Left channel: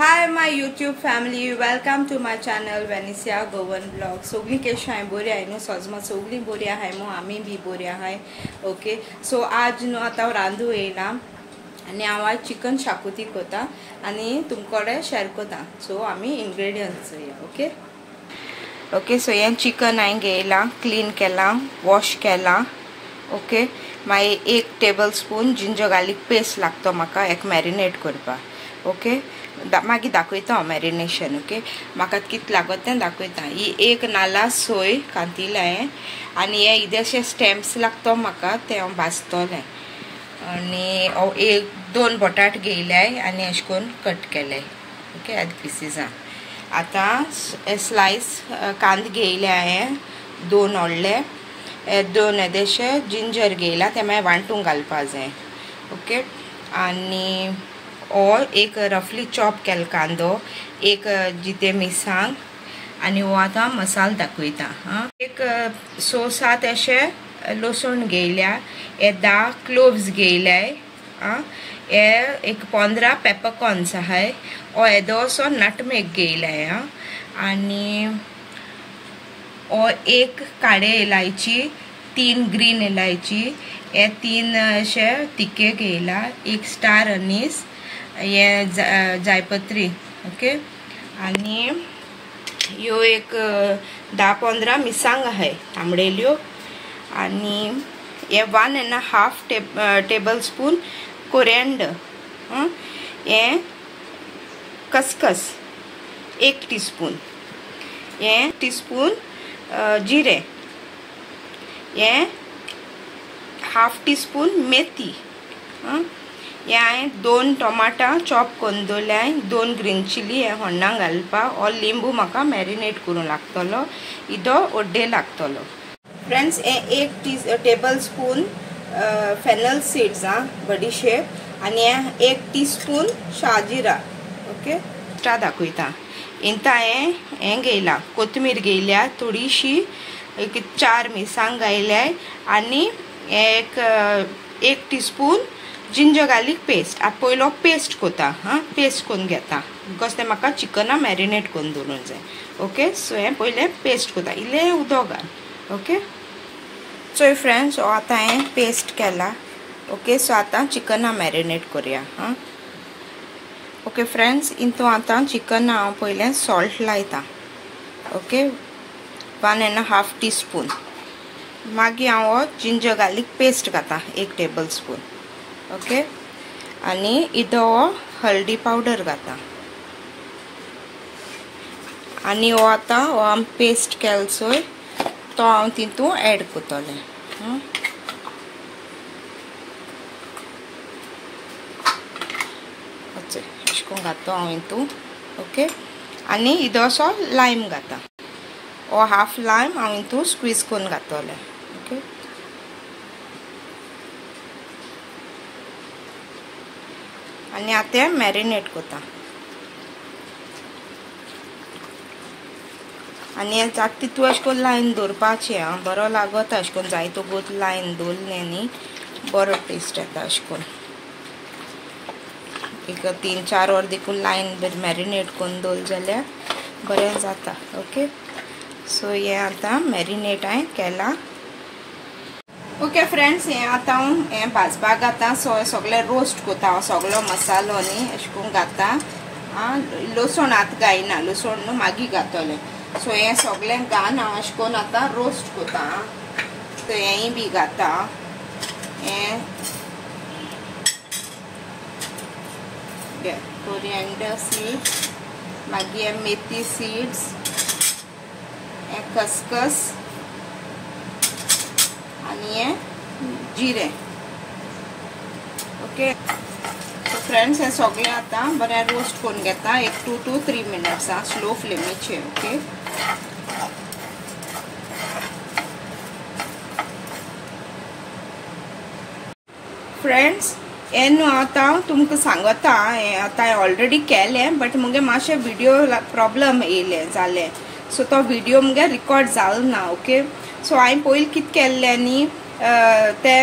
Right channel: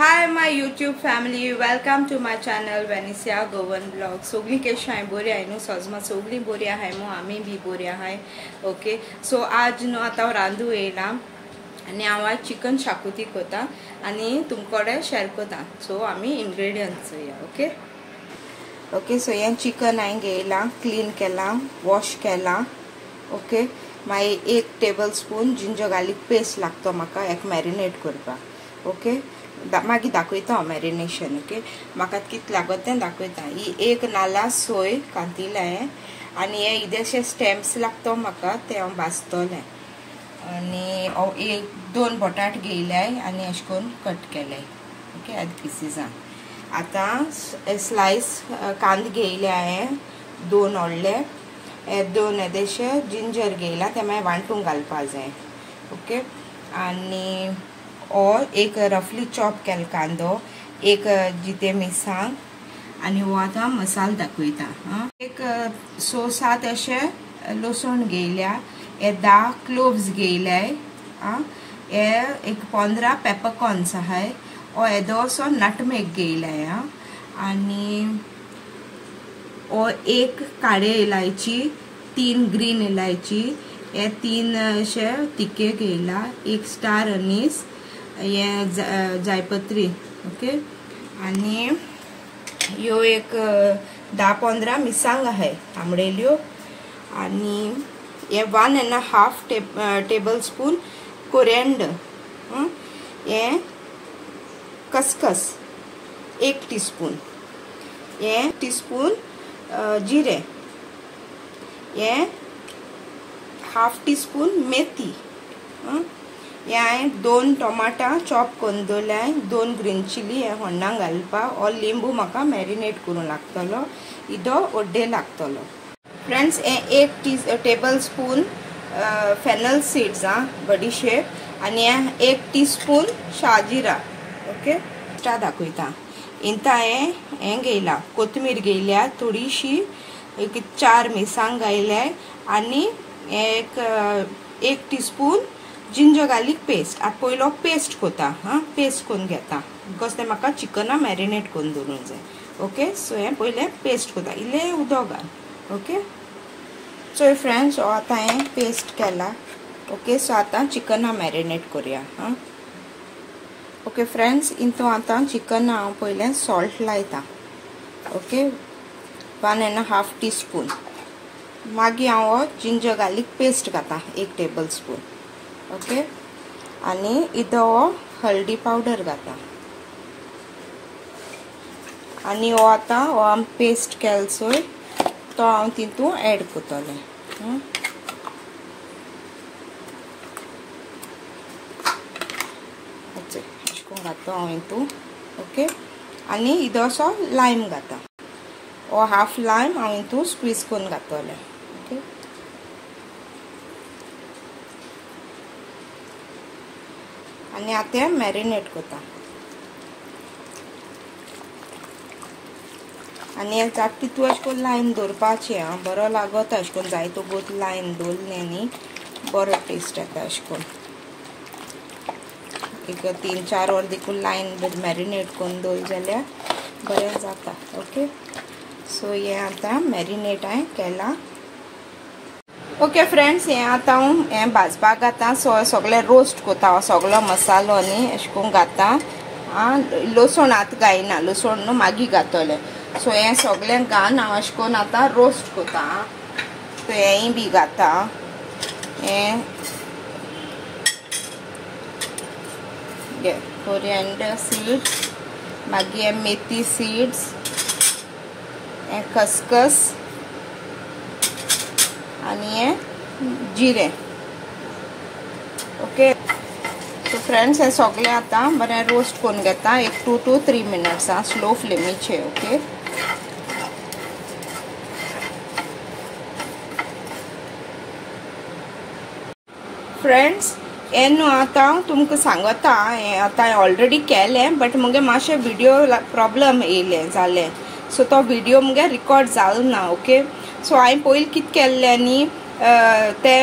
Hi my YouTube family, welcome to my channel Vanessa Govan Vlog. सगळी कशी आहे बरी आहे न्हू सजमा सगळी बरी आहे मग आम्ही बी बरी आहे ओके. सो आज न्हू आता रांदू येयला आणि हांव आज चिकन शाकोती करता आणि तुमकडे शेअर करता. सो आम्ही इंग्रेडियंट्स ओके ओके. सो हे चिकन हांवें घेयला, क्लीन केला, वॉश केला ओके. मागीर 1 table spoon ginger garlic paste लागतो म्हाका एक मॅरिनेट करपाक ओके. मागीर दाखयता हांव मॅरिनेशन ओके. म्हाका कितें लागत तें दाखयता. ही 1 नाल्ला सोय कांतिला हांवें आनी हे इल्लेशे स्टेम्प्स लागतो म्हाका ते हांव भाजतलें आनी 1-2 बटाट घेयल्याय आनी अशें करून कट केले ओके आद पिसीसां. आतां स्लायस कांदे घेयले हांवें 2 व्हडले, 2 येदेशे जिंजर घेयला ते मागीर वांटून घालपा जाय ओके. आनी हो एक रफली चॉप केला कांदो, 1 जिते मिरसांग आनी हो आतां मसालो दाखयता. एक 6-7 अशे लसूण घेयल्या, हे 10 क्लोव्स घेयल्याय, हे एक 15 पेपरकॉर्न्स आहाय, हो येदोसो नटमेग घेयलाय आनी हो 1 काळे इलायची, 3 ग्रीन इलायची, हे 3 अशे तिके घेयला, 1 स्टार अनीस, ये जायपत्री ओके. आनी ह्यो एक 10-15 मिरसांग आहाय तांबडेल्यो आनी हे 1.5 टेबल स्पून कोरिएंडर, हे खसखस 1 टीस्पून, हे टीस्पून जिरे, हे हाफ टीस्पून मेथी, हे हांवें 2 टोमाटां चॉप करून दवरल्याय, 2 ग्रीन चिली हे होण्णां घालपाक, हो लिंबू म्हाका मॅरिनेट करूंक लागतलो, इदो ओड्डे लागतलो. फ्रेंड्स हे 1 टेबल स्पून फेनल सीड्स बडीशेप आनी हे 1 टीस्पून शाजिरा ओके. स्टा दाखयता. इंता हें घेयला, कोथमीर घेयल्या थोडीशी, 4 मिरसांग घायल्याय आनी एक टीस्पून जिंजर गार्लिक पेस्ट. आता पयलो पेस्ट कोता पेस्ट करून घेता बिकॉज ते म्हाका चिकना मॅरिनेट करून दवरूंक जाय ओके. सो हे पयले पेस्ट कोता, इल्लें उदक घाल ओके. सो फ्रेंड्स हो आतां हांवें पेस्ट केला ओके. सो आतां चिकना मॅरिनेट करुया ओके. फ्रेंड्स इंतू आतां चिकन हांव पयलें सॉल्ट लायता ओके, 1.5 टीस्पून. मागीर हांव हो जिंजर गार्लिक पेस्ट घाता 1 टेबल स्पून ओके. आनी इदो हो हळदी पावडर घाता आनी हो आतां हो आमी पेस्ट केला चोय तो हांव तितून एड करतलें अशें करून घातो हांव हितून ओके. आनी इदोसो लायम घाता, हो हाफ लायम हांव हितून स्क्वीज करून घातलें ओके. आनी आतां मॅरिनेट करता आनी जाता तितू अशें करून लायन दवरपाचें बरो लागता. अशें करून जायतो गोत लायन दवरलें आनी बरो टेस्ट येता. अशें करून एक 3-4 वर देखून लायन मॅरिनेट करून दवरलें जाल्यार बरें जाता ओके. सो हे आतां मॅरिनेट हांवें केलां ओके. फ्रेंड्स हे आतां हांव हें भाजपाक घाता. सगळें रोस्ट कोता सगळो मसालो न्ही अशें करून घाता. लसूण आतां घायना, लसूण न्हू मागीर घातलें. सो हें सगळें घालून हांव अशें करून आतां रोस्ट कोता. सो हेंय बी घाता, हें कोरिएंडर सीड्स, मागीर हे मेथी सीड्स, हे खसखस आनी हे जिरे ओके. सो फ्रेंड्स हे सगळें आतां बरें रोस्ट करून घेता 1 to 3 मिनट्स स्लो फ्लेमीचेर ओके. फ्रेंड्स हे न्हू आतां तुमकां सांगता, हें आतां हांवें ऑलरेडी केलें बट मुगे मातशें व्हिडिओ प्रॉब्लम येयलें जालें. सो तो व्हिडिओ मुगे रिकॉर्ड जालो ना ओके. सो हांवें पयलीं कितें केल्लें न्ही ते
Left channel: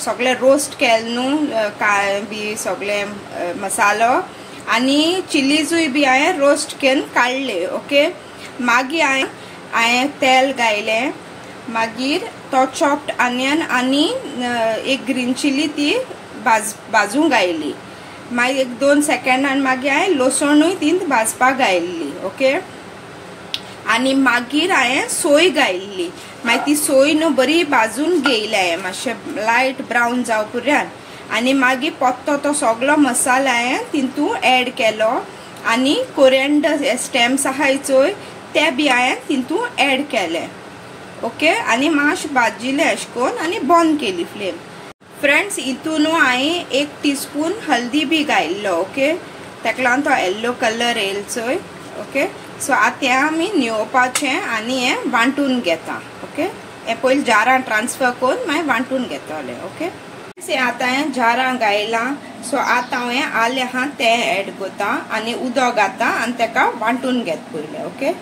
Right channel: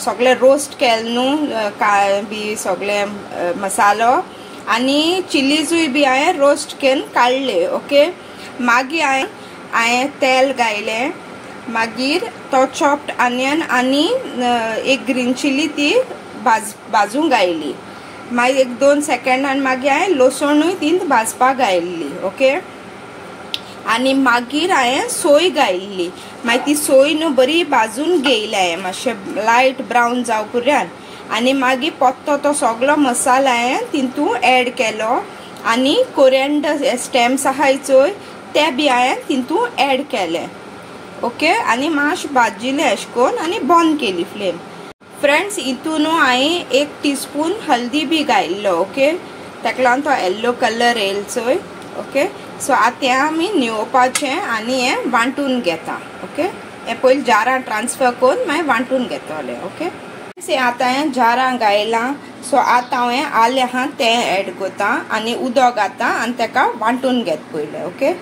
सगळें रोस्ट केलें न्हू बी सगळें मसालो आणि चिलीजूय बी हांवें रोस्ट करून काडले. ओके, मागीर हांवें तेल घायले, मागीर तो चॉप्ड ऑनियन आणि एक ग्रीन चिली ती भाजूंक घायली. मागीर एक 2 सेकंडान मागीर हांवें लसणूय ती भाजपाक घायल्ली. ओके, आणि मागीर हांवें सोय घायल्ली. मागीर ती सोय न्हू बरी भाजून घेयली हांवें मातशें लायट ब्रावन जावं पर्यंत. आणि मागीर पत्तो तो सगळो मसाला हांवें तितून ऍड केलो आणि कोरिएंडर स्टेम्स आहाय चोय ते बी हांवें तितून ऍड केले. ओके, आणि मातशें भाजिले अशें करून आणि बंद केली फ्लेम. फ्रेंड्स, हितून हांवें 1 टीस्पून हल्दी बी घायल्लो. ओके, ताका लागून तो येल्लो कलर येयलो चोय. ओके, सो आतां हें आमी न्हिवपाचें आणि हें वांटून घेता. ओके, हें पयलीं जारां ट्रान्सफर करून मागीर वांटून घेतले. ओके, आतां हांवें जारां घायलां. सो आतां हांवें आलें आहा तें ऍड करता आणि उदक घाता आणि ताका वांटून घेता पयलें. ओके,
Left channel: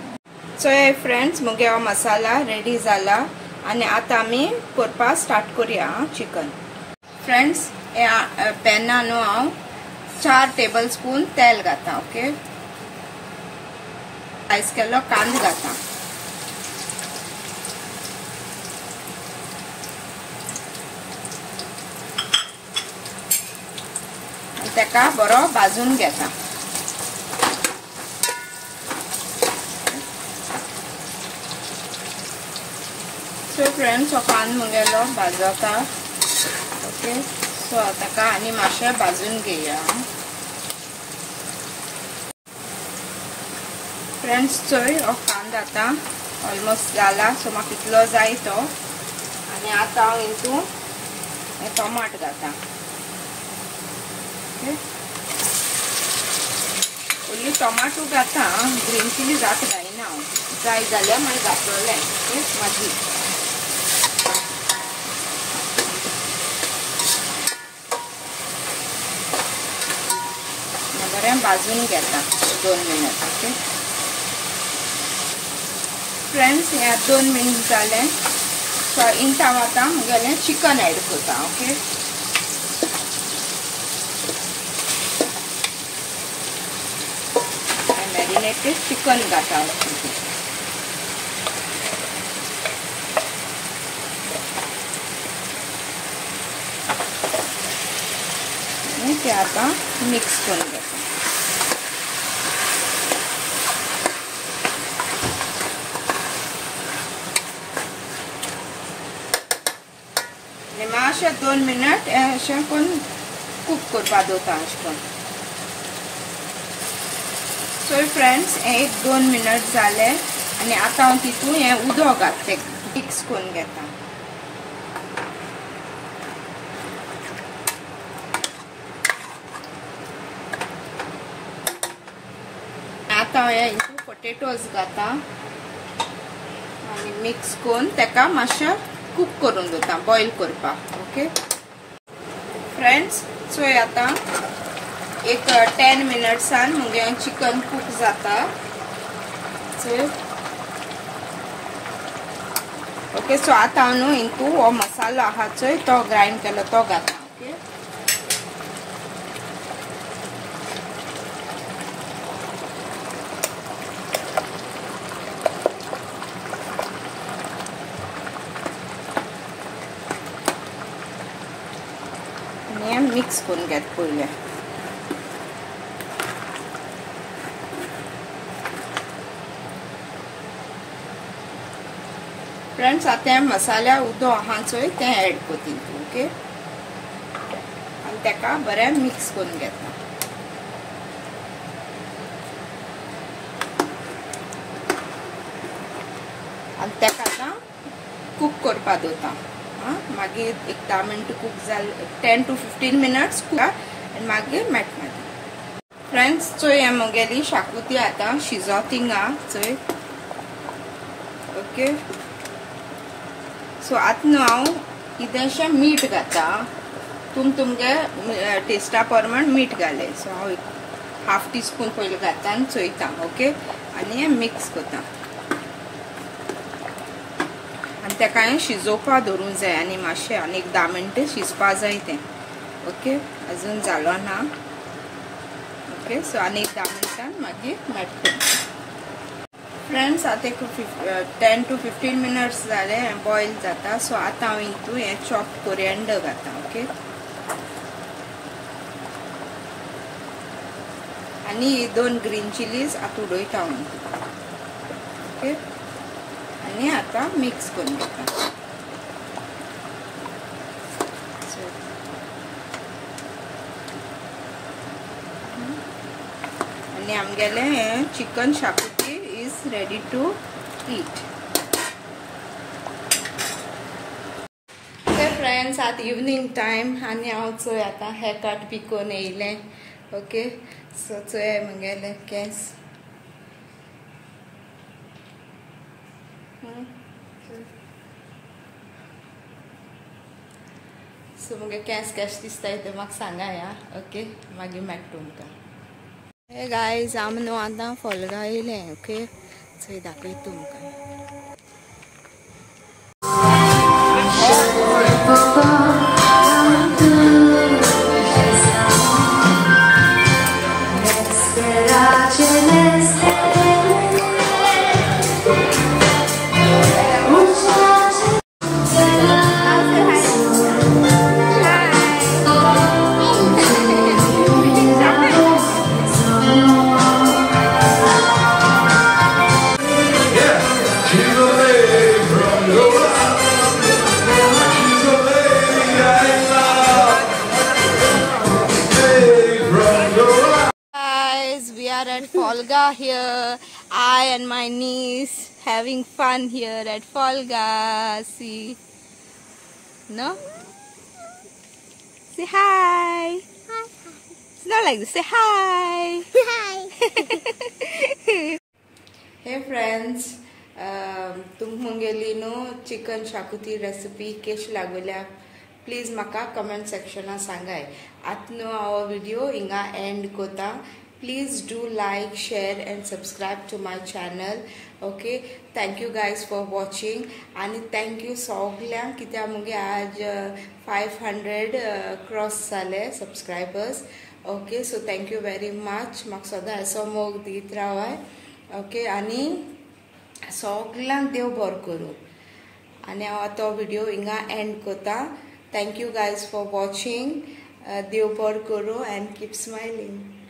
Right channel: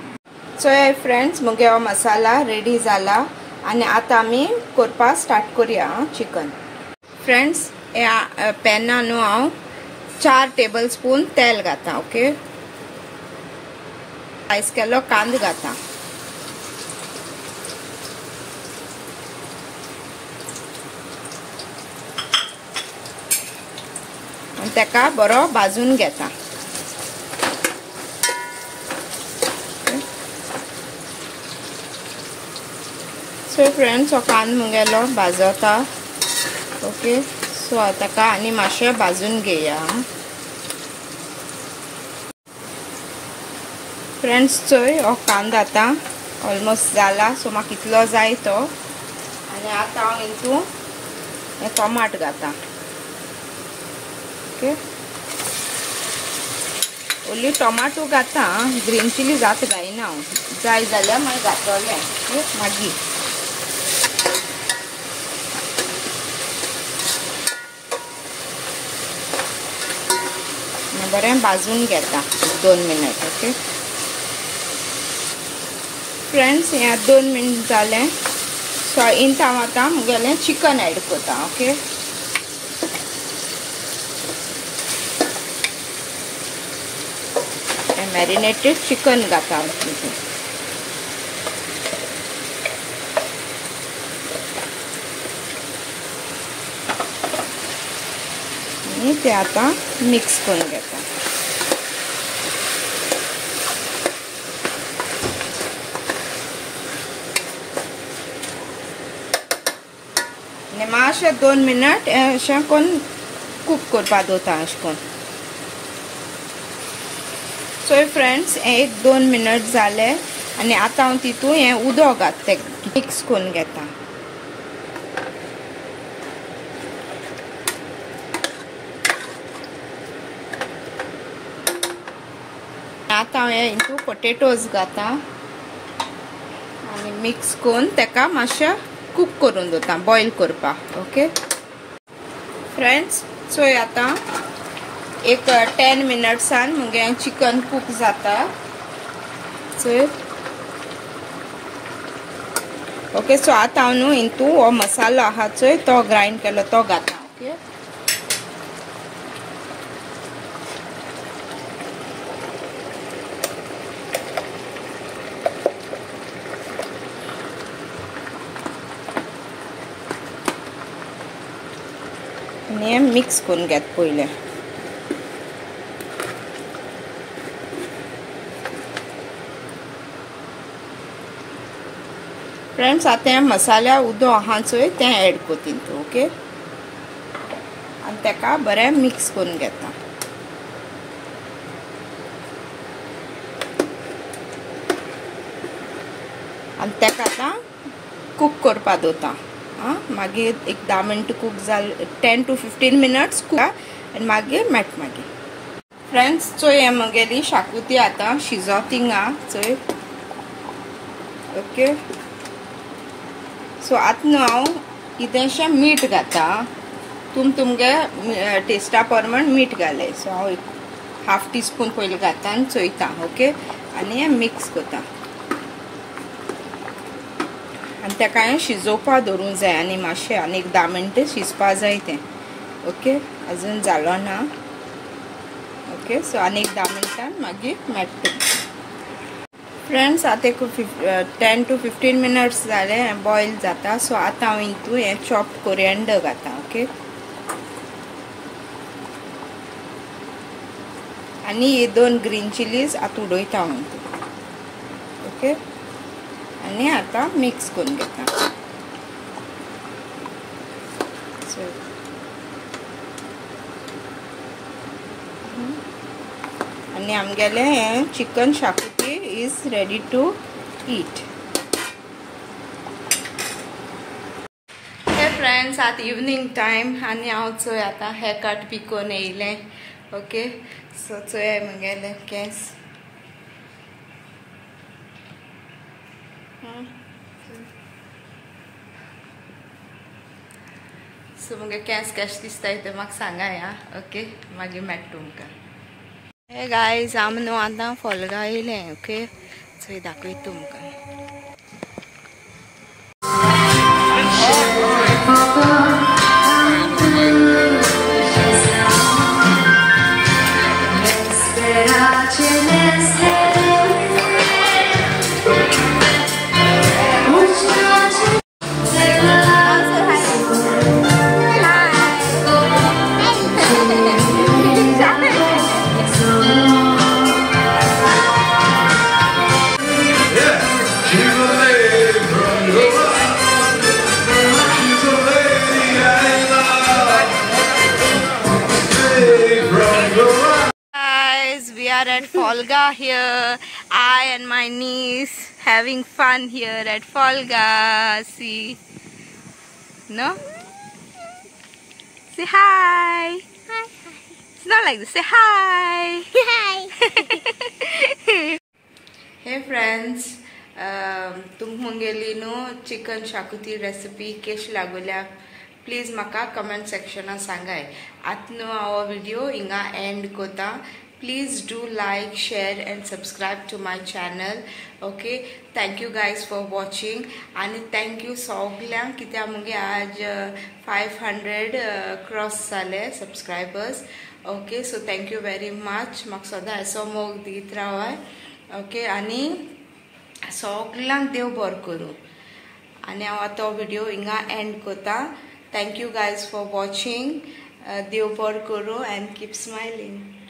सो हे फ्रेंड्स मुगे हो मसाला रेडी जाला आणि आतां आमी करपाक स्टार्ट करुया चिकन. फ्रेंड्स, ह्या पॅनान हांव 4 टेबल स्पून तेल घाता. ओके, स्लायस केल्लो कांदो घाता. ताका बरो भाजून घेता. सो फ्रेंड्स, हो कांदो मुगेलो भाजता. ओके, सो ताका आनी मातशें भाजून घेया. फ्रेंड्स, चोय हो कांदो आतां ऑलमोस्ट जाला. सो म्हाका इतलो जाय तो. आणि आतां हांव हितून हे टोमाट घाता. ओके, ओन्ली टोमाटो घाता, ग्रीन चिली जाता घायना हांव. जाय जाल्यार मागीर घातले. मागीर बरें भाजून घेता 2 मिनट. ओके फ्रेंड्स, हे 2 मिनट जाले. सो इंत हांव आतां मुगेलें चिकन ऍड करता. ओके, मॅरिनेटेड चिकन घाता. आणि ते आता मिक्स करून घेता. आणि मातशें 2 मिनट अशें करून कूक करपाक दवरता अशें करून. सो फ्रेंड्स, 1-2 मिनट जाले आणि आता हांव तितून हें उदक घालता, मिक्स करून घेता. आता हांव हितून पोटेटोज घाता आणि मिक्स करून ताका मातशें कूक करून दवरता, बॉयल करपाक. ओके फ्रेंड्स, सो आता एक 10 मिनट्सान मुगे चिकन कूक जाता. ओके, सो आतां हांव न्हू हितून हो मसालो आहा चोय तो ग्राइंड केलो तो घाता. ओके, आणि मिक्स करून घेत पयलें. फ्रेंड्स, आता मसाल्या उदक आहा चोय तें ऍड कोतीन तूं. ओके, आनी ताका बरें मिक्स करून घेता. आनी ताका आतां कूक करपा दवरता. मागीर एक 10 मिनट कूक जाले, 10 to 15 मिनट्स कूक आनी मागीर मेळटा मागीर. फ्रेंड्स, चोय हे म्हगेली शाकोती आतां शिजोतिंगा चोय. ओके, सो आतां न्हू हांव इल्लेशें मीठ घाता. तुमगे टेस्टा प्रमाण मीठ घाले. सो हांव 1/2 टीस्पून पयलीं घाता आनी चोयता. ओके, आनी हें मिक्स करता. आनी ताका हांवें शिजोवपाक दवरूंक जाय आनी मातशें आनी एक 10 मिनट शिजपा जाय तें. ओके, अजून जालो ना. ओके सो आनी 10 मिनटान मागीर मेळटा फ्रेंड्स आता एक 10 to 15 मिनट्स जाले बॉईल जाता सो आता हांव हितून हे चॉप कोरिएंडर घालता ओके आनी हे 2 ग्रीन चिलीज आता उडयता हांव ओके आनी आता मिक्स करून घेता सो आनी आमगेले chicken xacuti is ready to eat hey friends आता इवनिंग टाइम आनी हांव चोय आता हेअर कट बी कोन्न येयलें ओके सो चोय म्हगेले केंस सो मुगे केंस कशें दिसताय ते म्हाका सांगाय आं ओके मागीर मेळटा तुमकां हे गायज आम न्हू आतां फोलगा येयलें ओके चोय दाखयता तुमकां At Folga here, I and my niece having fun here at Folga. See, no? Say hi. Hi. It's not like this. Say hi. Hi. Hey friends, तुमगेली न्हू चिकन शाकुती रेसिपी कशी लागल्या प्लीज म्हाका कमेंट सेक्शनान सांगाय आतां न्हू हांव व्हिडिओ हिंगा and कोता Please do like, share and subscribe to my channel. Okay, thank you guys for watching and thank you सगळ्यांक कित्याक मुगे आज 500 क्रॉस जाले subscribers. Okay, so thank you very much. म्हाका सदां असो मोग दीत रावाय. Okay, आनी सगळ्यांक देव बरो करूं आनी हांव आतां व्हिडिओ हिंगा एंड कोता Thank you guys for watching. देव बरो करूं and keep smiling.